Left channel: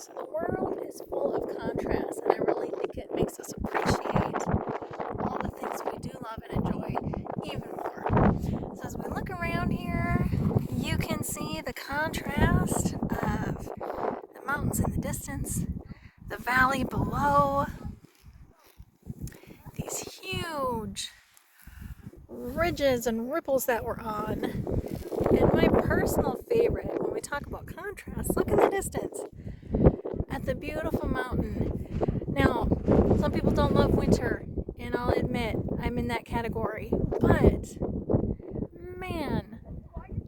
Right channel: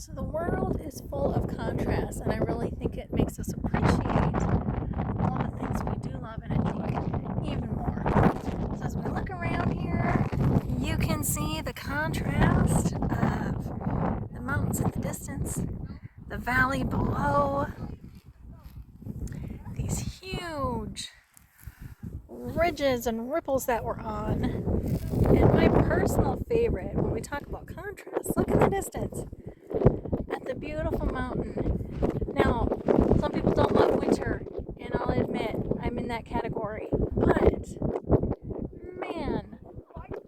So the world is full of contrast, and I really think it makes us appreciate all the things we do love and enjoy even more. So as we look around here, you can see the contrast of the mountains in the distance, the valley below, these huge ridges and ripples that we're on. And my personal favorite, when we talk about contrast, look in the distance at the beautiful mountain. Now, some people don't love winter, and I'll admit I'm in that category. But, man,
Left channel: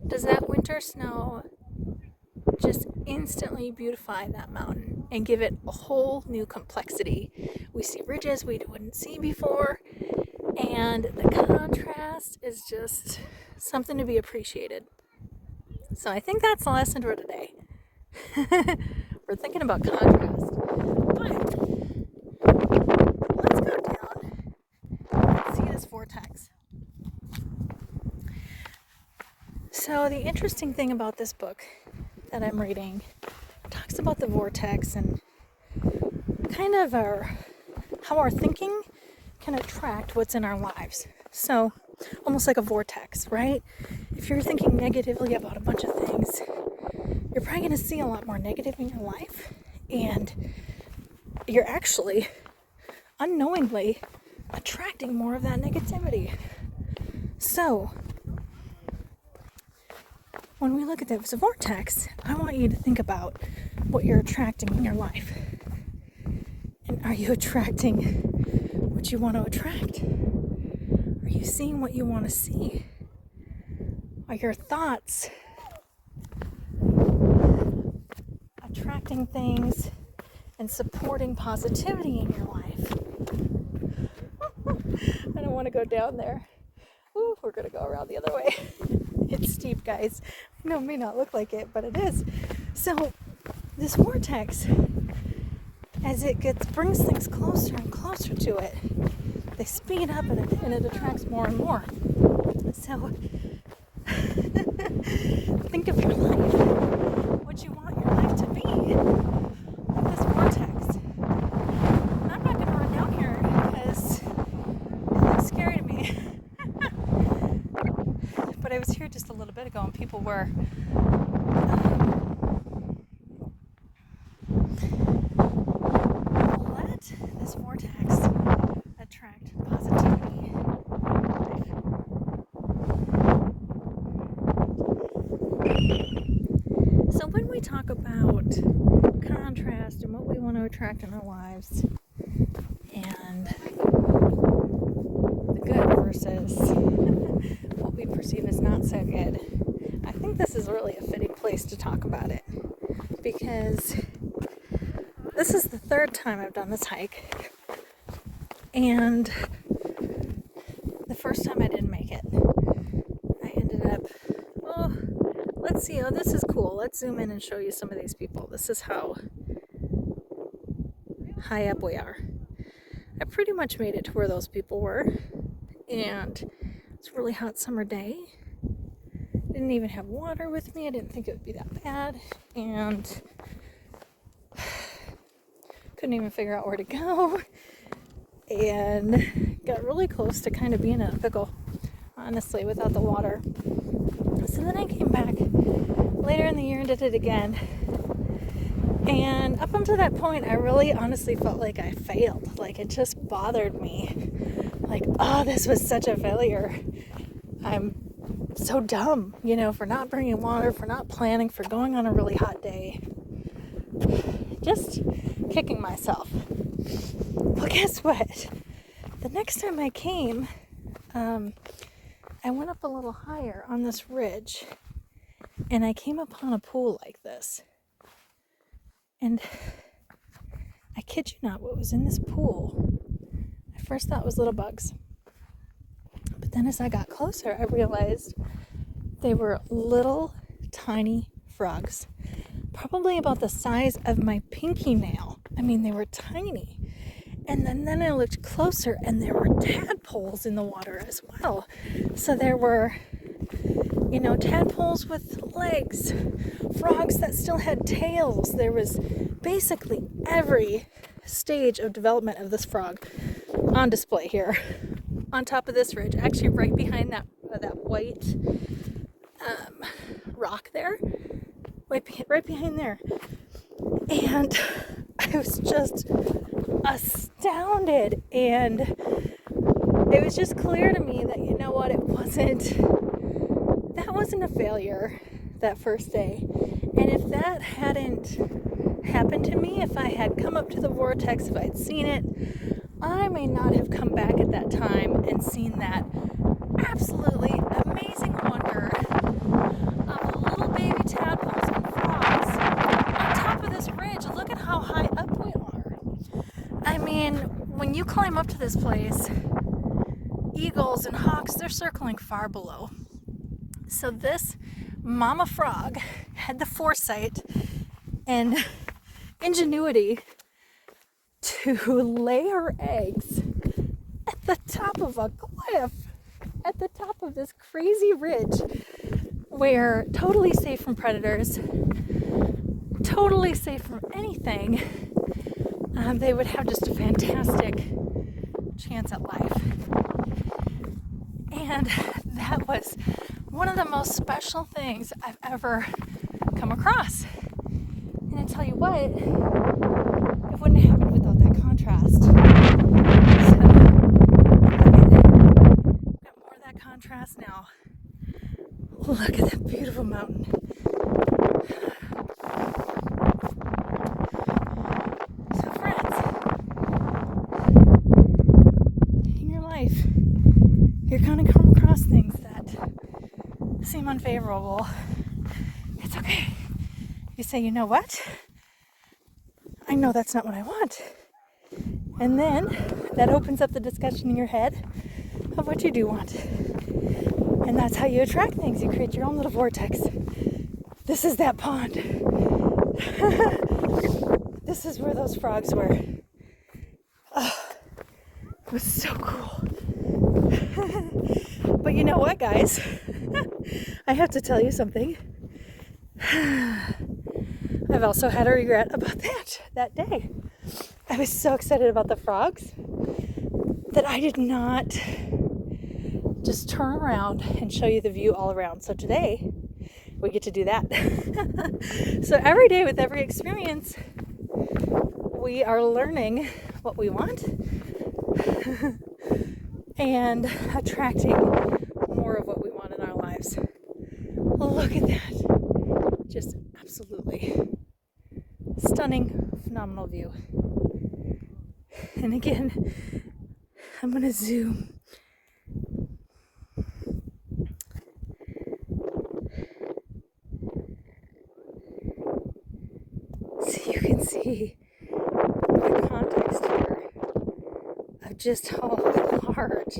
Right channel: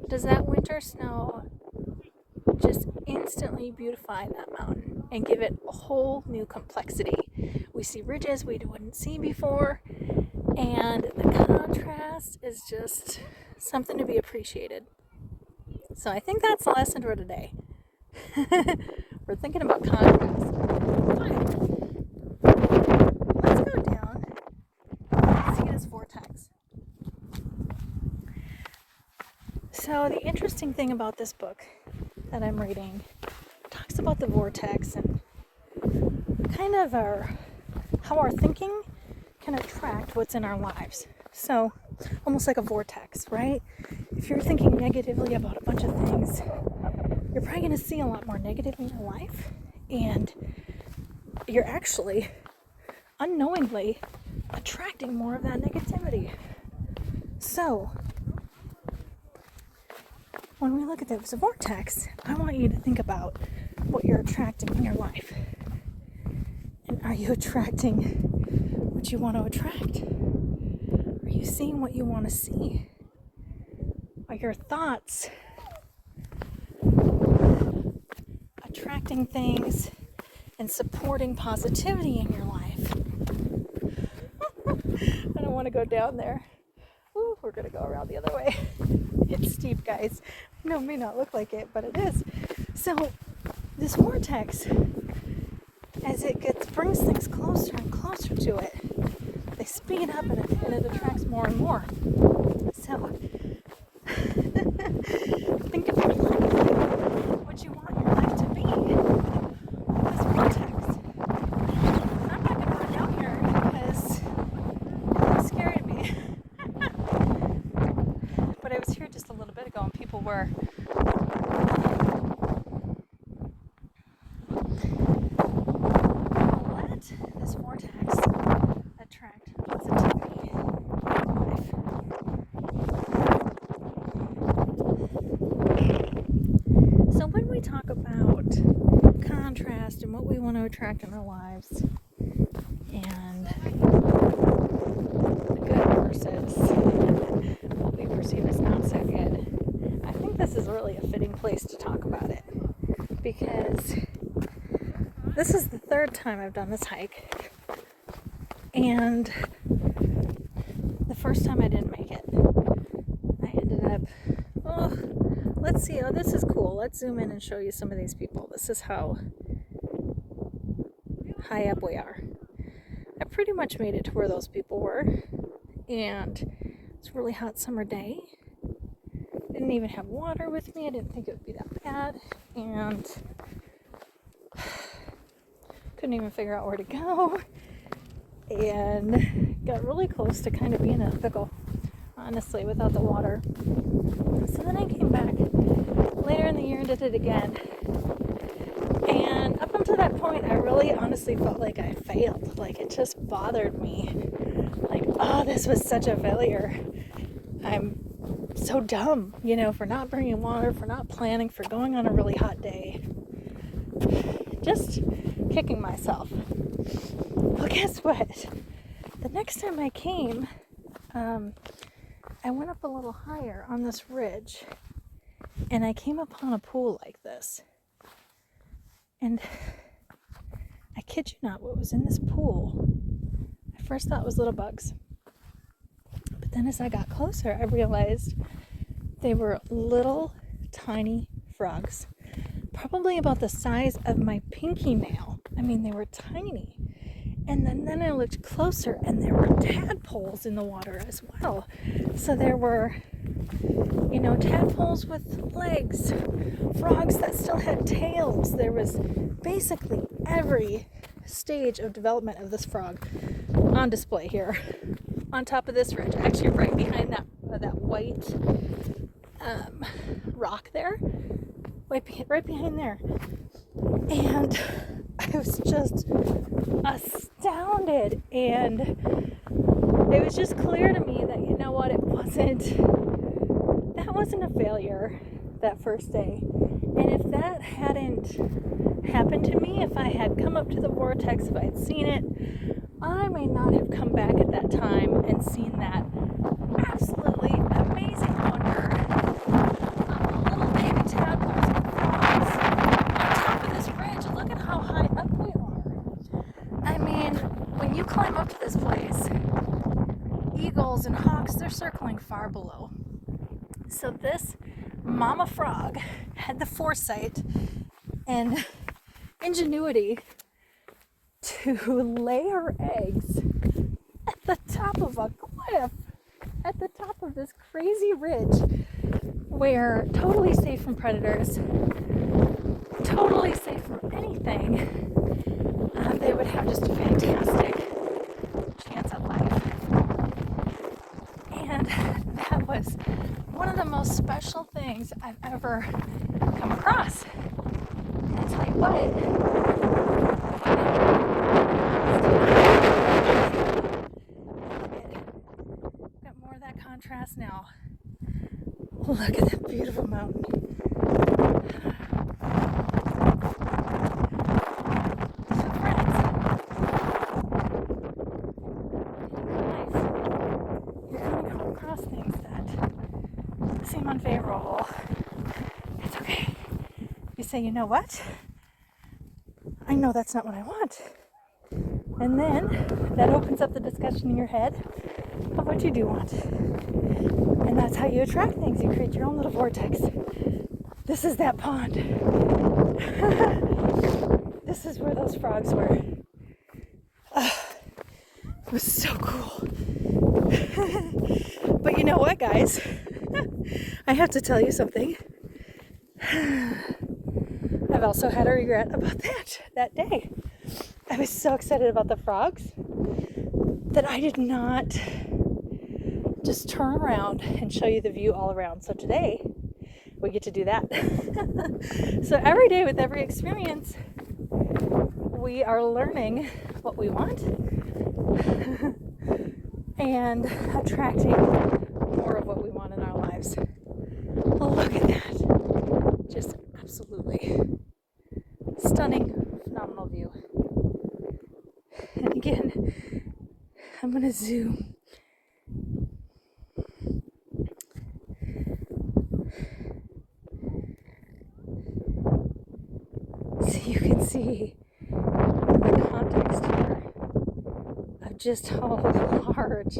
does that winter snow just instantly beautify that mountain and give it a whole new complexity. We see ridges we wouldn't see before, and the contrast is just something to be appreciated. So I think that's the lesson for today. We're thinking about contrast. But let's go down and see this vortex. So the interesting thing about this book that I'm reading talks about the vortex and kind of how our thinking can attract what's in our lives. So almost like a vortex, right? If you're thinking negatively about a bunch of things, you're probably going to see a lot more negative in your life, and you're actually unknowingly attracting more of that negativity. So when we look at this vortex, I want you to think about what you're attracting in your life. And are you attracting what you want to attract? Are you seeing what you want to see? Are your thoughts attracting things and supporting positivity in your life? I don't want to go down there. Ooh, we're going to go around the other way. It's steep, guys. I know it may not look like it, but it is. So this vortex, as it brings things closer and closer to it, they speed up and it attracts more and more. So think of your life, what you want your life to be. This vortex. I'm not going to run down here because it's scary to me. But I was here just a little bit ago and people were let this vortex attract positivity in life. So when we talk about contrast and what we want to attract in our lives and good versus what we perceive as not so good, I think this is really a fitting place to talk about it, because this is the third time I've done this hike, and the first time I didn't make it. I ended up, let's see, this is cool. Let's zoom in and show you some of these people. This is how high up we are. I pretty much made it to where those people were, and it's a really hot summer day. Didn't even have water with me. I didn't think it would be that bad, and couldn't even figure out where to go, and got really close to kind of being in a pickle, honestly, without the water. So then I came back later in the year and did it again, and up until that point I really honestly felt like I failed. Like, it just bothered me, like, oh, this was such a failure. I'm so dumb, for not bringing water, for not planning, for going on a really hot day. Just kicking myself. Well, guess what? The next time I came, I went up a little higher on this ridge, and I came upon a pool like this. And I kid you not, what was in this pool, I first thought was little bugs. But then as I got closer, I realized they were little tiny frogs, probably about the size of my pinky nail. I mean, they were tiny. And then I looked closer, and there were tadpoles in the water as well. So there were you know, tadpoles with legs, frogs that still had tails. There was basically every stage of development of this frog on display here on top of this ridge, actually right behind that white rock there, right behind there. And I was just astounded, and it was just clear to me that, you know what, that wasn't a failure that first day. And if that hadn't happened to me, if I had come up to the vortex, if I'd seen it, I may not have come back at that time and seen that absolutely amazing wonder of little baby tadpoles and frogs on top of this ridge. Look at how high up we are. I mean, when you climb up to this place, eagles and hawks, they're circling far below. So this mama frog had the foresight and ingenuity to lay her eggs at the top of a cliff, at the top of this crazy ridge, where totally safe from predators, totally safe from anything, they would have just a fantastic chance at life. And that was one of the most special things I've ever come across. And I tell you what, if we got more of that contrast now. Look at that beautiful mountain. So friends, in your life, you're going to come across things that seem unfavorable. It's okay. You say, you know what? I know that's not what I want. And then that opens up the discussion in your head of what you do want. And that's how you attract things. You create your own little vortex. This is that pond. This is where those frogs were. Oh, it was so cool. But you know what, guys? I have to tell you something. I've also had a regret about that day. I was so excited about the frogs that I did not just turn around and show you the view all around. So today we get to do that. So every day with every experience, we are learning what we want and attracting more of what we want in our lives. Look at that. Just absolutely stunning, phenomenal view. And again, I'm going to zoom. So you can see the context here of just how large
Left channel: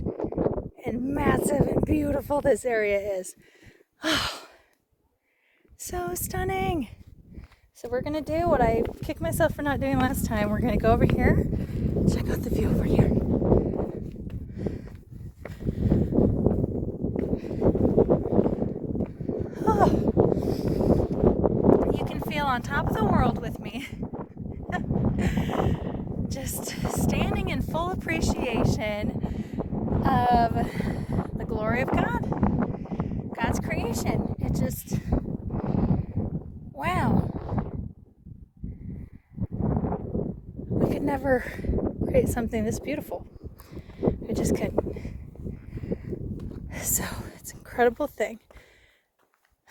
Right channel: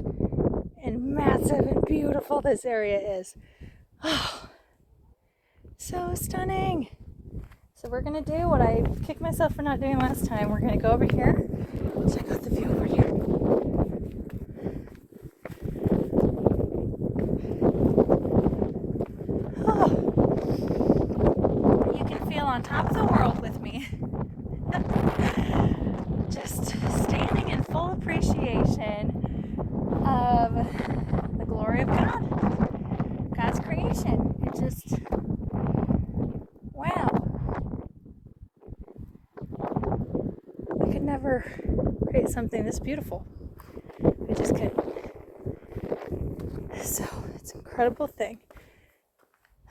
and massive and beautiful this area is. Oh, so stunning. So we're going to do what I kicked myself for not doing last time. We're going to go over here. Check out the view over here. Oh, you can feel on top of the world with me. Just standing in full appreciation of the glory of God, God's creation. It just, wow. We could never create something this beautiful. We just couldn't. So it's an incredible thing.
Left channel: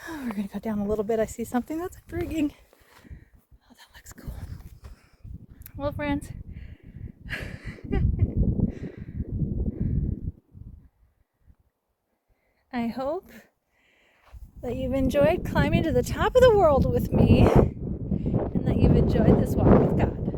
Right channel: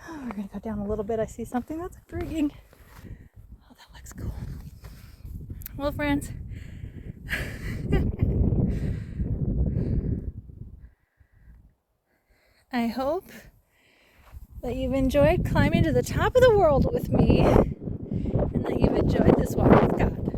We're going to go down a little bit. I see something that's intriguing. Oh, that looks cool. Well, friends, I hope that you've enjoyed climbing to the top of the world with me and that you've enjoyed this walk with God.